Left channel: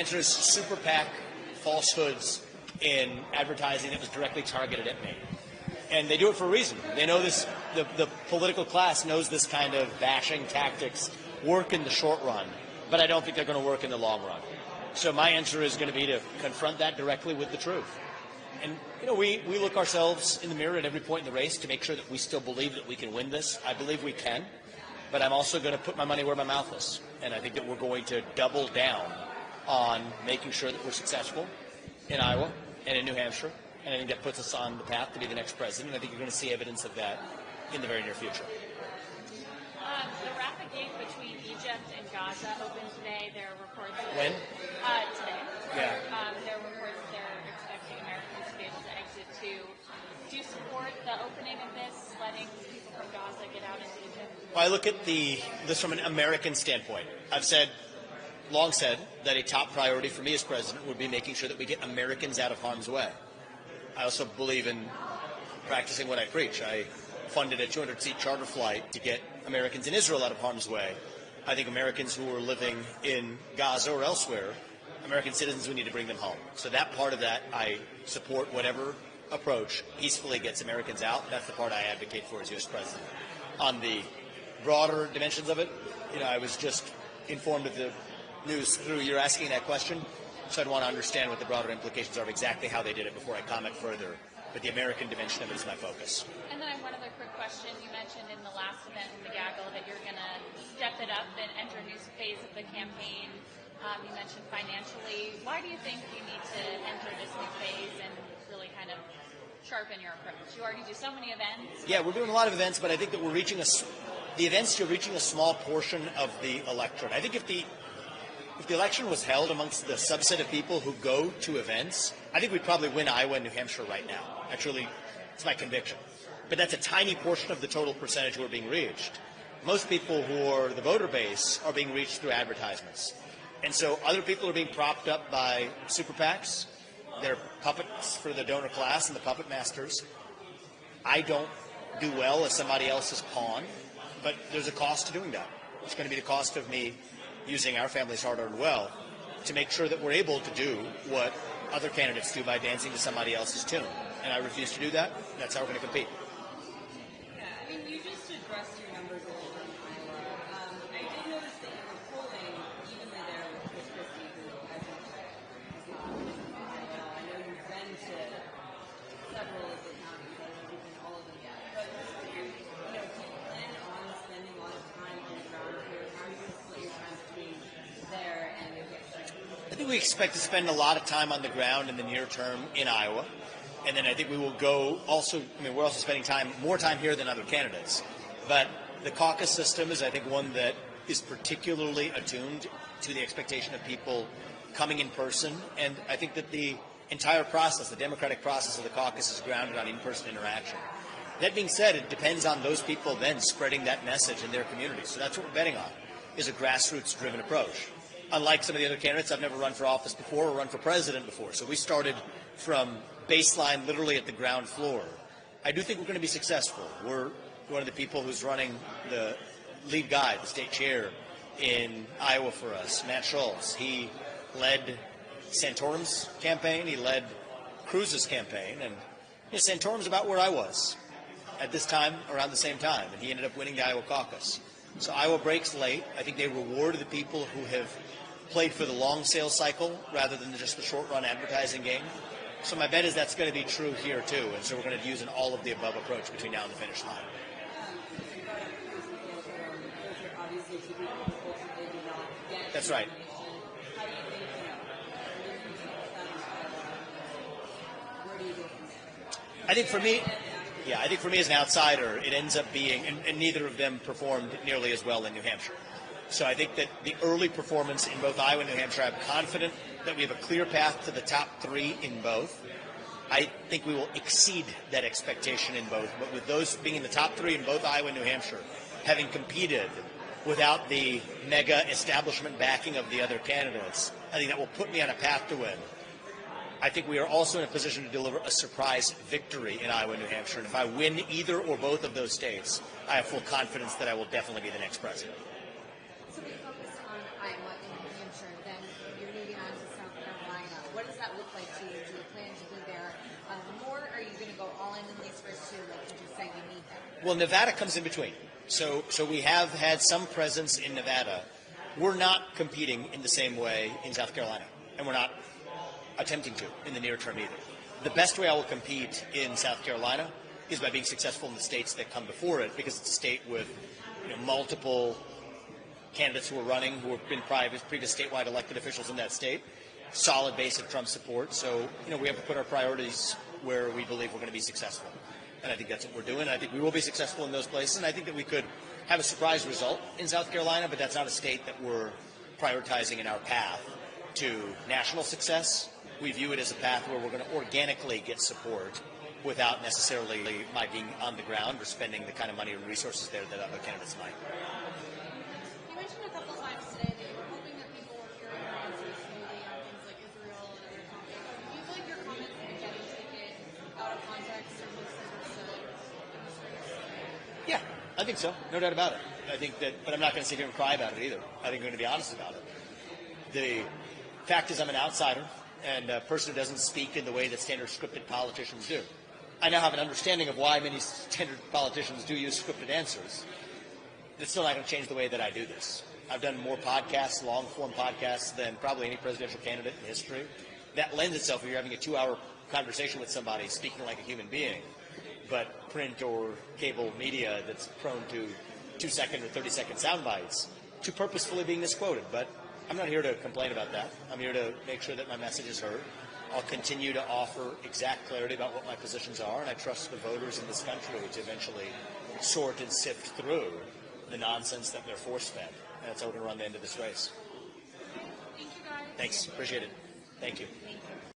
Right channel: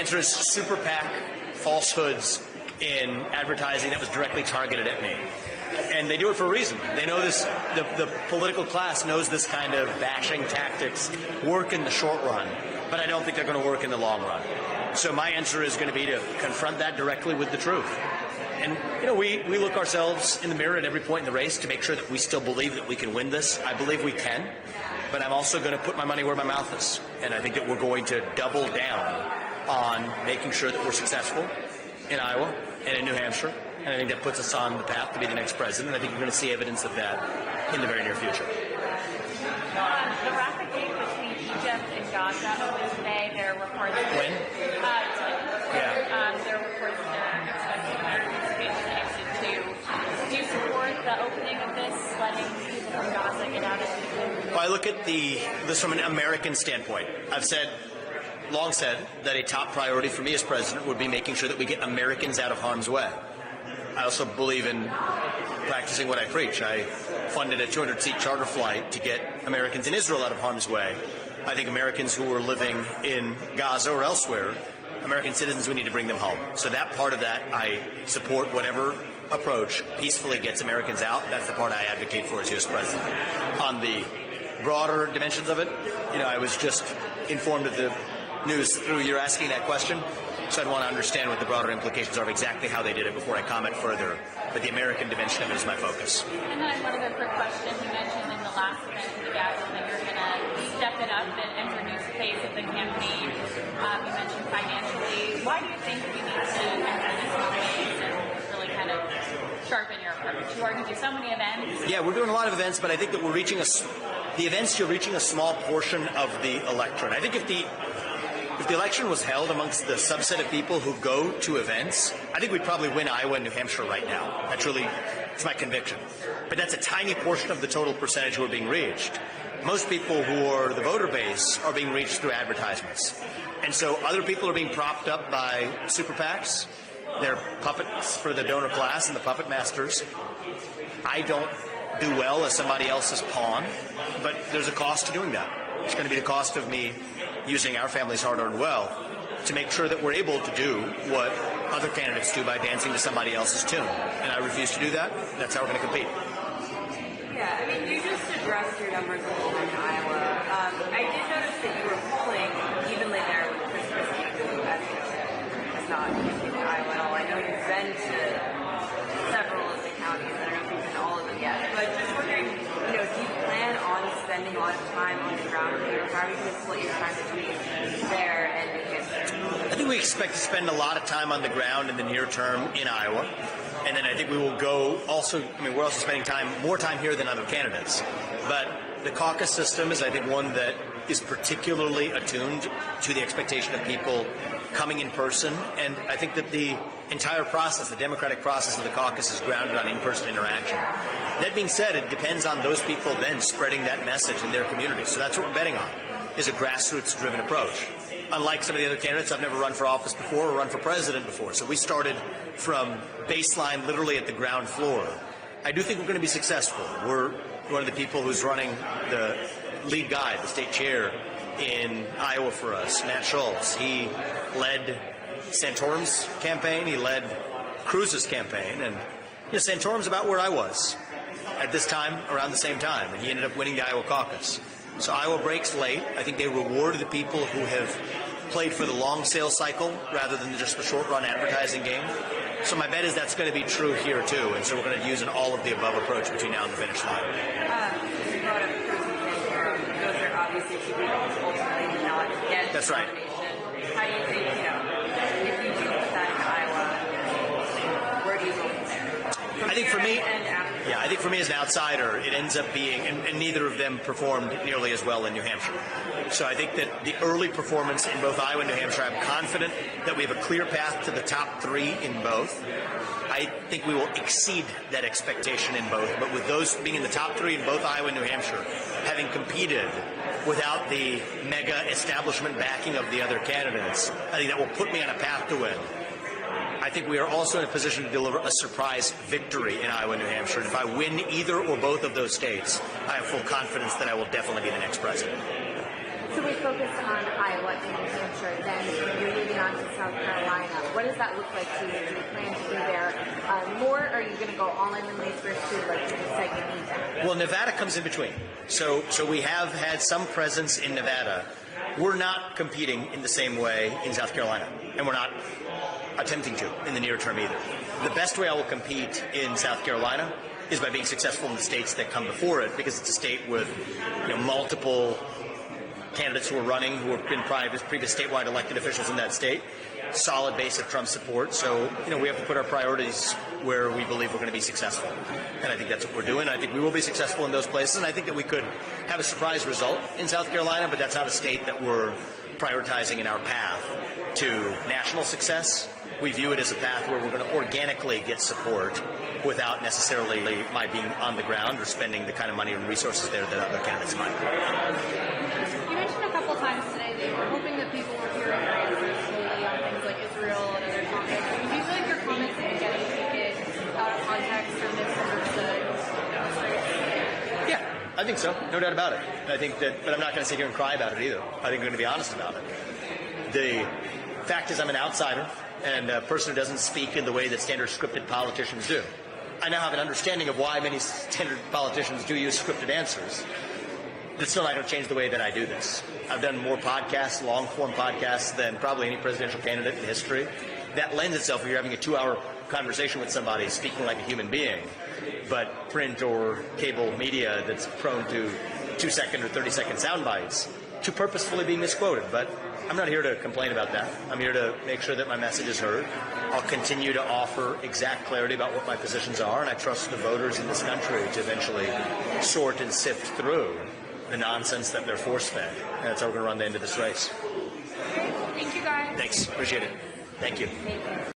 answer is super PAC falsehoods in advertising that was directly targeted at me. And they do it for a reason. They know this, the political class knows this kind of bashing tactics work in the short run, but I don't think they're going to work in the long run. So my answer is going to be to confront that directly with the truth. And, we look ourselves in the mirror at every point in the race to make sure that we still believe that we can win this. I believe we can, but I'm also going to put my money where my mouth is. And I think that we're going to double down on making sure that we're successful in Iowa and in New Hampshire. And I think that puts us on the path to be the next president. I think you're going to see evidence of that in the very near future. The rapid game between Egypt and Gaza opens today. There are reports. When? Yeah. There are reports that expecting Americans to be connected to. Do you support the opening of this, letting people from Gaza get out of it? Well, I look at this from an American standpoint. I've long said that a top priority for me as president would be making sure that we get Americans out of harm's way. I also believe in practicing what I preach. I funded a 200-seat charter flight to get Americans in Israel out of harm's way. I think Americans who are living in Gaza or elsewhere, American citizens, we need to bring them home. So that part of that, I support whatever approach peacefully gets Americans out. That's the part I advocate for as U.S. president. On the broader dimensions of it, I was just informed of the news through your asking that question. So I'd want to understand what the broader implications are of exactly how they did it before I comment further. But the American dimension of it is my focus. And then one other quick question. You mentioned in the last minute of the gaggle that you're going to step it up and introduce a phase of the campaign. You mentioned financially. Why do you think you need to introduce a phase and really kind of sharpen your approach? You are going to do so many events. Yeah, we're doing a lot of events, but I think that you're reaching a small portion of the electorate. I think if the election was held amongst the subset of people who go to events, I think we'd probably win Iowa and New Hampshire right now. It's my conviction. But that's a tiny portion of the total percentage who are being reached. Most people who are the voter base are being reached through advertisements. And so other people are being propped up by super PACs. They're puppets for the donor class and the puppet masters. I don't do well as somebody else's pawn, but there's a cost to doing that. It's going to be the cost of me using our family's hard-earned wealth to make sure that we're able to do what other candidates do by dancing to somebody else's tune. And I refuse to do that. That's how we're going to compete. Yeah, you just addressed your numbers a little bit in Iowa. I did notice that you were polling evenly there with Chris Christie, who, as you know, is not in Iowa at all. I know you've been to several of the counties. I don't know if you've been to all of them yet. But just wondering, do you plan on spending a lot of time on the ground here? How are you going to split your time between there and New Hampshire? I think we expect to spend a lot of time on the ground in the near term in Iowa. And then I think we will go also, we're also spending more time here than other candidates. But the caucus system is, I think, one that is particularly attuned to the expectation of people coming in person. And I think that the entire process, the democratic process of the caucus, is grounded on in-person interaction. That being said, it depends on those people then spreading that message in their community. So that's what we're betting on, is a grassroots-driven approach. Unlike some of the other candidates, I've never run for office before or run for president before. So we started from baseline, literally at the ground floor. I do think we're going to be successful. We're one of the people who's running the lead guy, the state chair in Iowa for us, Matt Schultz. He led Santorum's campaign. He led Cruz's campaign. And Santorum's about where I was at this time, around the same time. And he ended up winning the Iowa caucus. So Iowa breaks late. I think they reward the people who have played for the long sales cycle rather than just the short-run advertising game. So my bet is that's going to be true here, too. And so we're going to use an all-of-the-above approach between now and the finish line. That's right. How do you think, if you do put that in Iowa, where do you go from there? I think for me as an outsider, it ends up being, and neither of them performed nearly as well in New Hampshire. So I think that the early performance in both Iowa and New Hampshire, I'm confident that we have a clear path to the top three in both. I think we will exceed that expectation in both. But with those being in the top three in both Iowa and New Hampshire, having competed without the mega establishment backing of the other candidates, I think that will put me on a path to win. I think we are also in a position to deliver a surprise victory in Iowa and New Hampshire. And if I win either or both of those states, I have full confidence that I will definitely be the next president. So we focused on Iowa and New Hampshire, then you're moving on to South Carolina. What does that look like to you? Do you plan to be there more, or are you going to go all in these first two, like you just said you need them? Well, Nevada comes in between. So we have had some presence in Nevada. We're not competing in the same way in South Carolina, and we're not attempting to in the near term either. The best way I will compete in South Carolina is by being successful in the states that come before it, because it's a state with multiple candidates who are running, who have been previous statewide elected officials in that state, solid base of Trump support. So, we have to put our priorities where we believe we're going to be successful. And I think that's what we're doing. I think we will be successful in those places. And I think that we could have a surprise result in South Carolina, but that's not a state that we're prioritizing in our path to national success. We view it as a path where we're going to organically get support without necessarily my being on the ground or spending the kind of money and resources there that other candidates might. You mentioned a couple times today that you were hoping that people were hearing your answers slowly on things like Israel and other topics. Do you feel like your comments are getting taken out of context or misunderstood? Yeah, I think so. No doubt about it. I think that, but I'm not going to sit here and cry about it either. I think I'm going to be honest about it. The fact is I'm an outsider and a person who doesn't speak in the way that standard scripted politicians do. I now have an understanding of why many standard politicians do use scripted answers. That's still not going to change the way that I do this. I've done more podcasts, long-form podcasts, than probably any presidential candidate in history. That lends itself, if you're having a 2-hour conversation with somebody speaking like a human being, but print or cable media that's prone to 2-second or 30-second sound bites, to purposefully being misquoted. But I'm not here to complain about that. I'm here to make sure that my message is heard. I'll continue to offer exact clarity about what my positions are, and I trust the voters in this country to eventually sort and sift through the nonsense that they're force-fed. And that's how we're going to run the end of this race. Thank you, guys. Thanks. Appreciate it. Thank you. Thank you.